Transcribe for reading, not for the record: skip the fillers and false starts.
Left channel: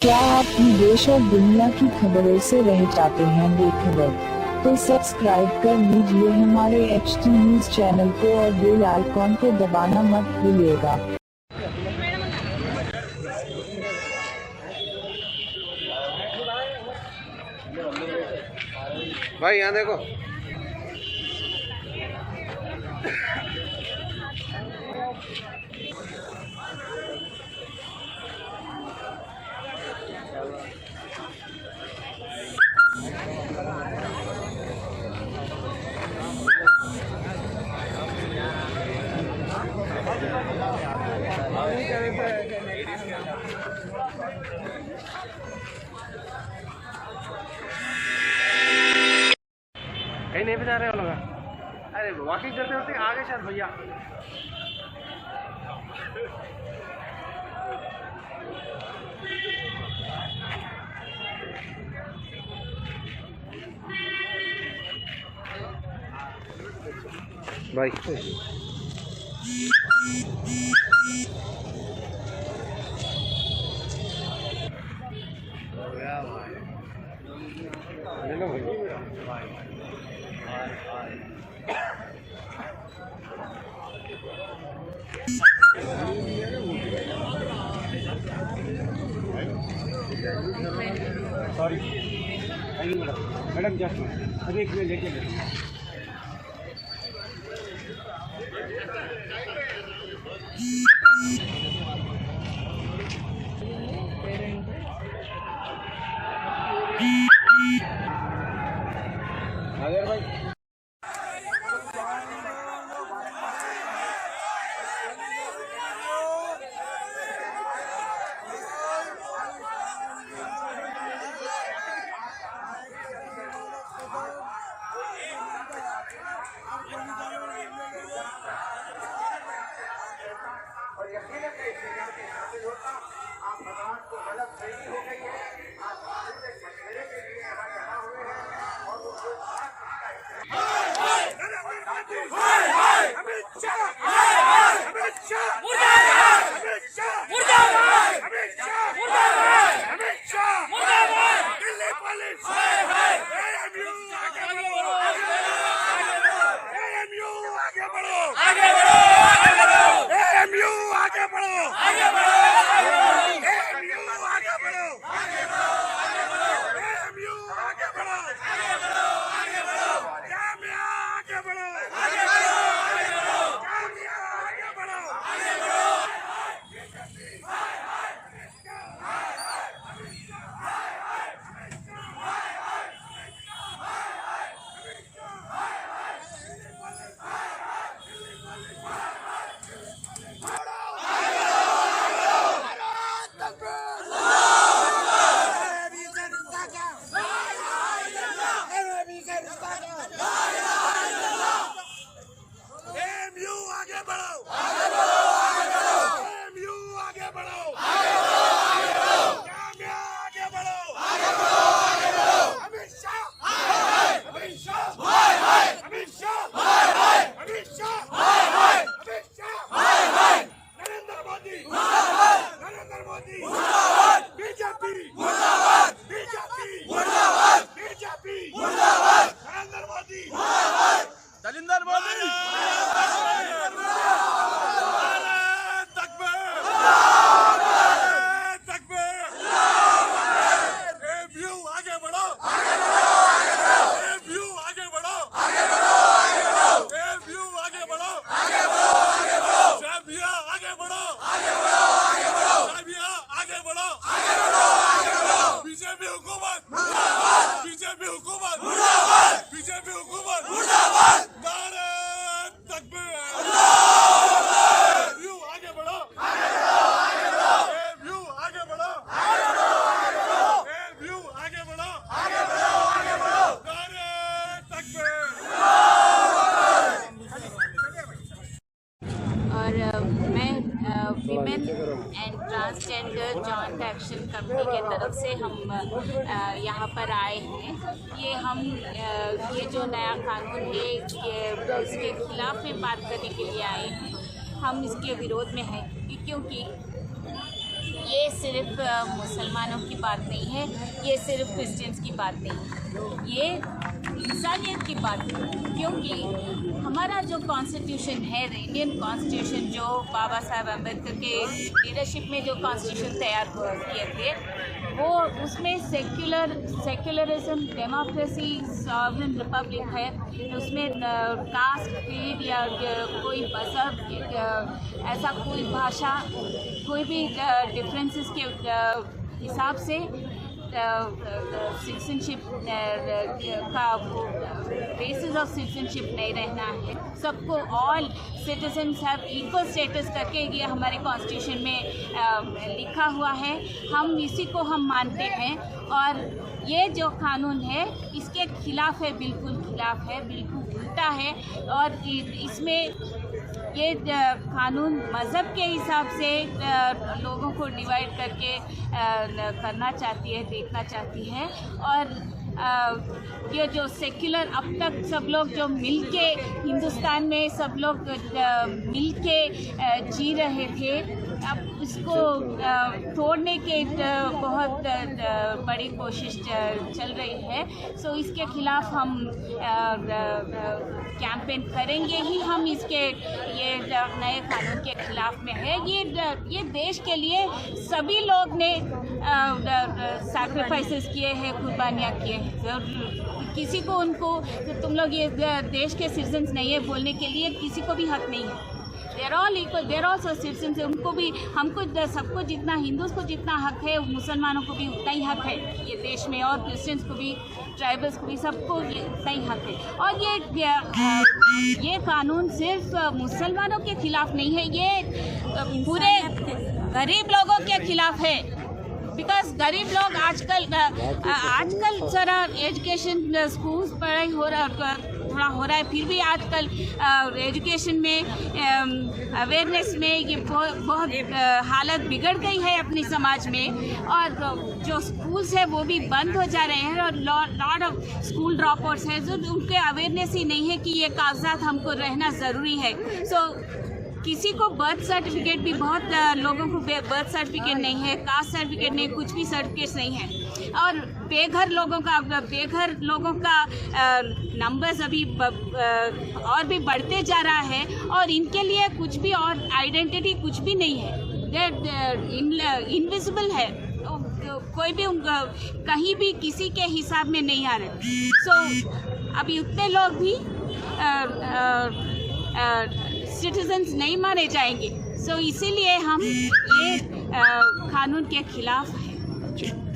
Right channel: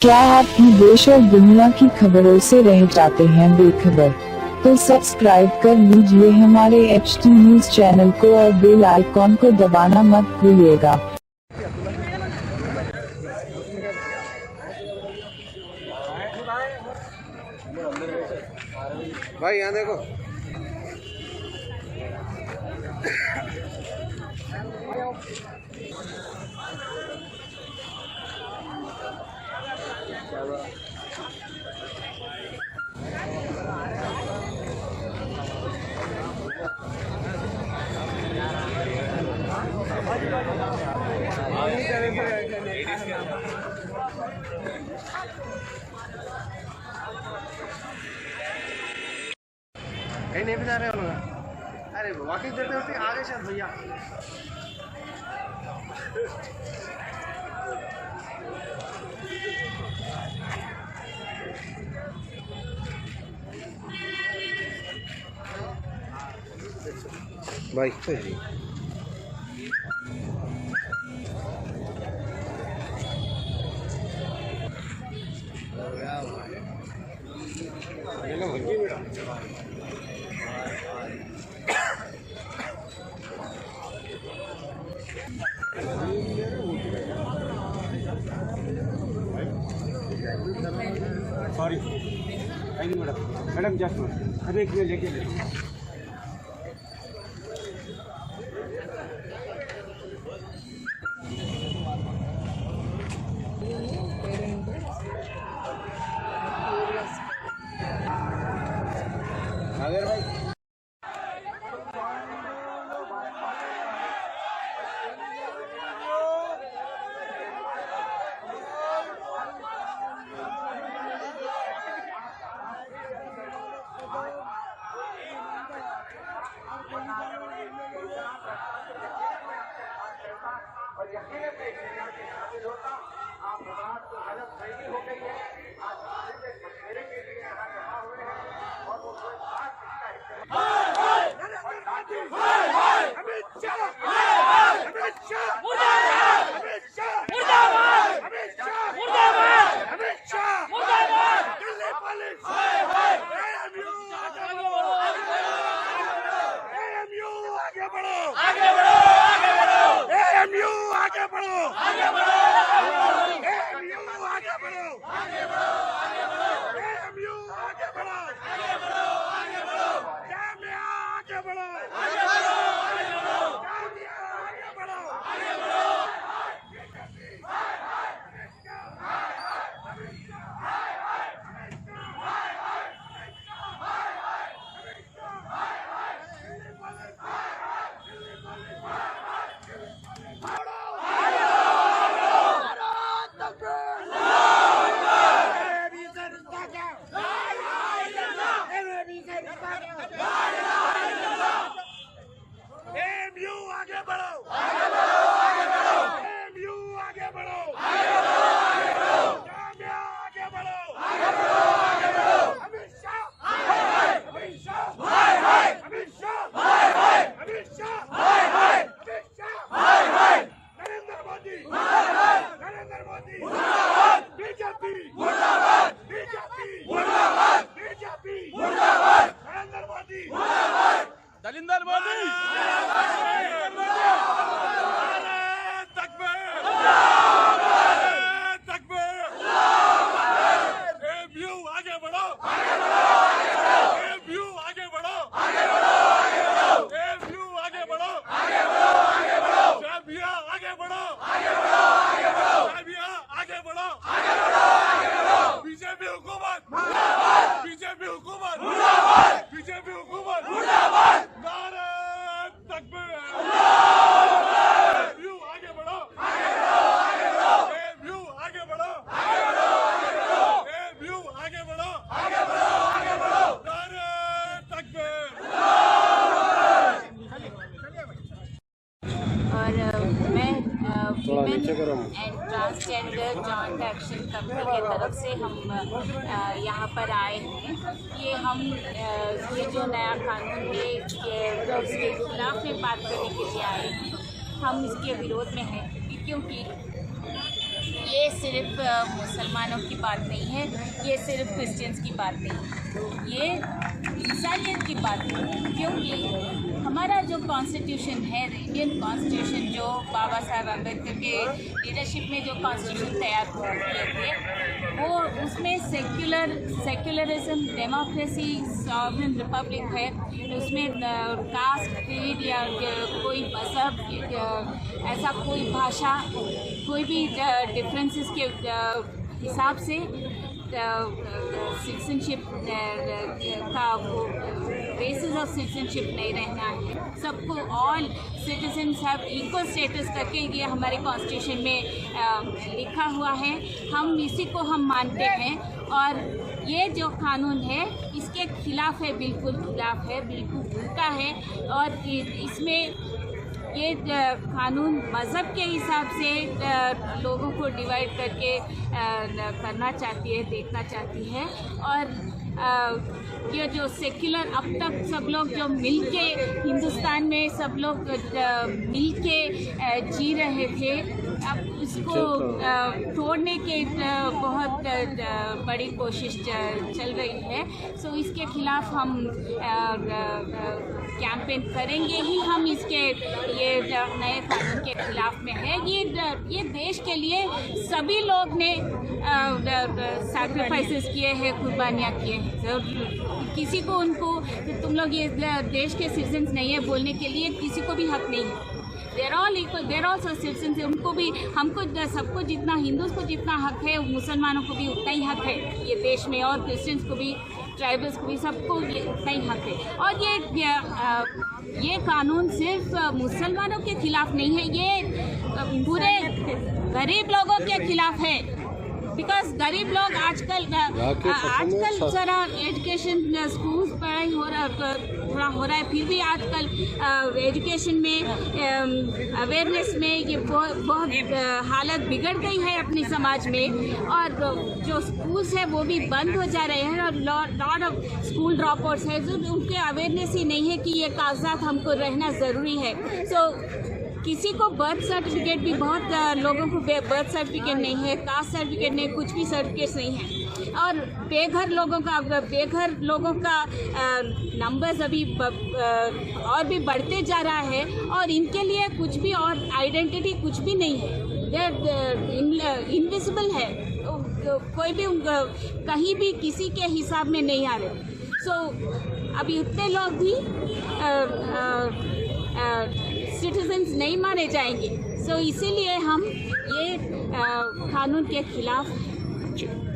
क्या आप भी देश और दुनिया की खबरों से रह जाते हैं बेखबर? तो सब्सक्राइब कर लीजिए हमारे HT न्यूज चैनल को और बेल आइकॉन को दबाना मत भूलिएगा। भाई यहाँ देखो। कहीं नहीं भी जा रहे हो लोग? अरे वॉकिंग करते करते आगे शायद भैया। भाई sorry, thank you madam just अरे एक लेके दलिंदर मोदी आगे बढ़ो, आगे बढ़ो, आगे बढ़ो, आगे बढ़ो, आगे बढ़ो, आगे बढ़ो, आगे बढ़ो, आगे बढ़ो, आगे बढ़ो, आगे बढ़ो। बीजेपी हुकूमत मुर्दाबाद, बीजेपी हुकूमत मुर्दाबाद, बीजेपी हुकूमत मुर्दाबाद। भारत तकबीर, आगे बढ़ो, आगे बढ़ो, आगे बढ़ो, आगे बढ़ो, आगे बढ़ो, आगे बढ़ो, आगे बढ़ो। भारत तकबीर। और मैं women and transgender joint action company के तरफ से हम यहाँ पर आए हैं। ये जो नया कानून है उसके खिलाफ में बात करने के लिए आए हैं। हम इसके विरोध में हैं क्योंकि ये सिर्फ मुसलमानों की बात नहीं है, ये सिर्फ क्रिश्चियंस की बात नहीं है, ये इंसानियत की बात है। क्योंकि हमारा जो कॉन्स्टिट्यूशन है, इंडियन कॉन्स्टिट्यूशन, जो बाबा साहब अम्बेडकर के लीडरशिप में जो कॉन्स्टिट्यूशन तैयार किए थे, वो उसमें सेक्युलरिज्म, डेमोक्रेसी, सॉवरेन रिपब्लिक है। उसमें कास्ट, क्रीड या कोई मज़हब, ऐसा कोई भाषा, कोई भी डिफरेंसेस के हिसाब से सिटीजनशिप का बेसिस ऑफ सिटीजनशिप नहीं रहना है। सबको all citizens have equal status करके ये हमारे कॉन्स्टिट्यूशन में लिखा हुआ है। हम इसी को हम मानते हैं और ये जो कानून है इसके खिलाफ है, बिल्कुल खिलाफ है, बिल्कुल उल्टा है। और इसमें ये कानून मज़हब के हिसाब से लोगों को डिवाइड करके करना चाहती है, देखना चाहती है। और ये जो सेक्युलर, अब तक सब लोग जो मिलके हिंदुस्तान में सब लोग मिलके जी रहे थे, अब इसको तोड़ने के बहुत बड़ी कोशिश चल रही है। सो इसके खिलाफ हम कैंपेन करेंगे ही। हम इसके ये नए कानून के खिलाफ में है। ये देश के लिए सभी लोग ने सैक्रिफाइसेस किए हैं, कुर्बानियाँ किए हैं। किसी को उनको तुम लोग ये देश के सिटीजन्स नहीं है बोलने के लिए किसी को भी हक नहीं है। देर ऑल इक्वल, देर ऑल सिटीजन्स है। उनको भी, हमको, सबको जितना, हिंदूज़ को जितना हक है, मुसलमानों को भी उतना ही हक है ये देश में, और क्रिश्चियंस को भी, ट्राइबल्स को भी, सबको उतना ही हक है। और ये कानून सिर्फ मुसलमानों के खिलाफ नहीं है, ये पूरे गरीब लोगों के खिलाफ है। बिकॉज गरीब लोग आजकल ज़रा एजुकेशन, स्कूल्स, पढ़ाई थोड़ा हो रहा है, फिर भी आजकल एजुकेशन में, अवेयरनेस में ये बहुत हालत बिगड़ गई है अपने समाज में। और जो स्कूल्स है वो भी बंद हो जा रहे हैं, और lot of school drop outs है जो उनके अवेयरनेस ही नहीं है कि ये कागजात हमको रहना ज़रूरी है। सो किसी को बर्थ सर्टिफिकेट भी, बहुत लोगों को बर्थ सर्टिफिकेट नहीं है, कास्ट सर्टिफिकेट नहीं, कुछ भी सर्टिफिकेट्स नहीं है। और बेघर लोगों का नंबर्स अभी और भी बढ़ते जा रहा है, और इनके लिए कुछ भी और आइडेंटिटी कुछ भी नहीं है, इनविजिबल है। कोई भी कहीं भी किसी के हिसाब में नहीं आ रहे। सो अभी उतने लोग भी सिटीजन्स नहीं माने जाएंगे। सो इसीलिए हम ये कानून के खिलाफ हैं।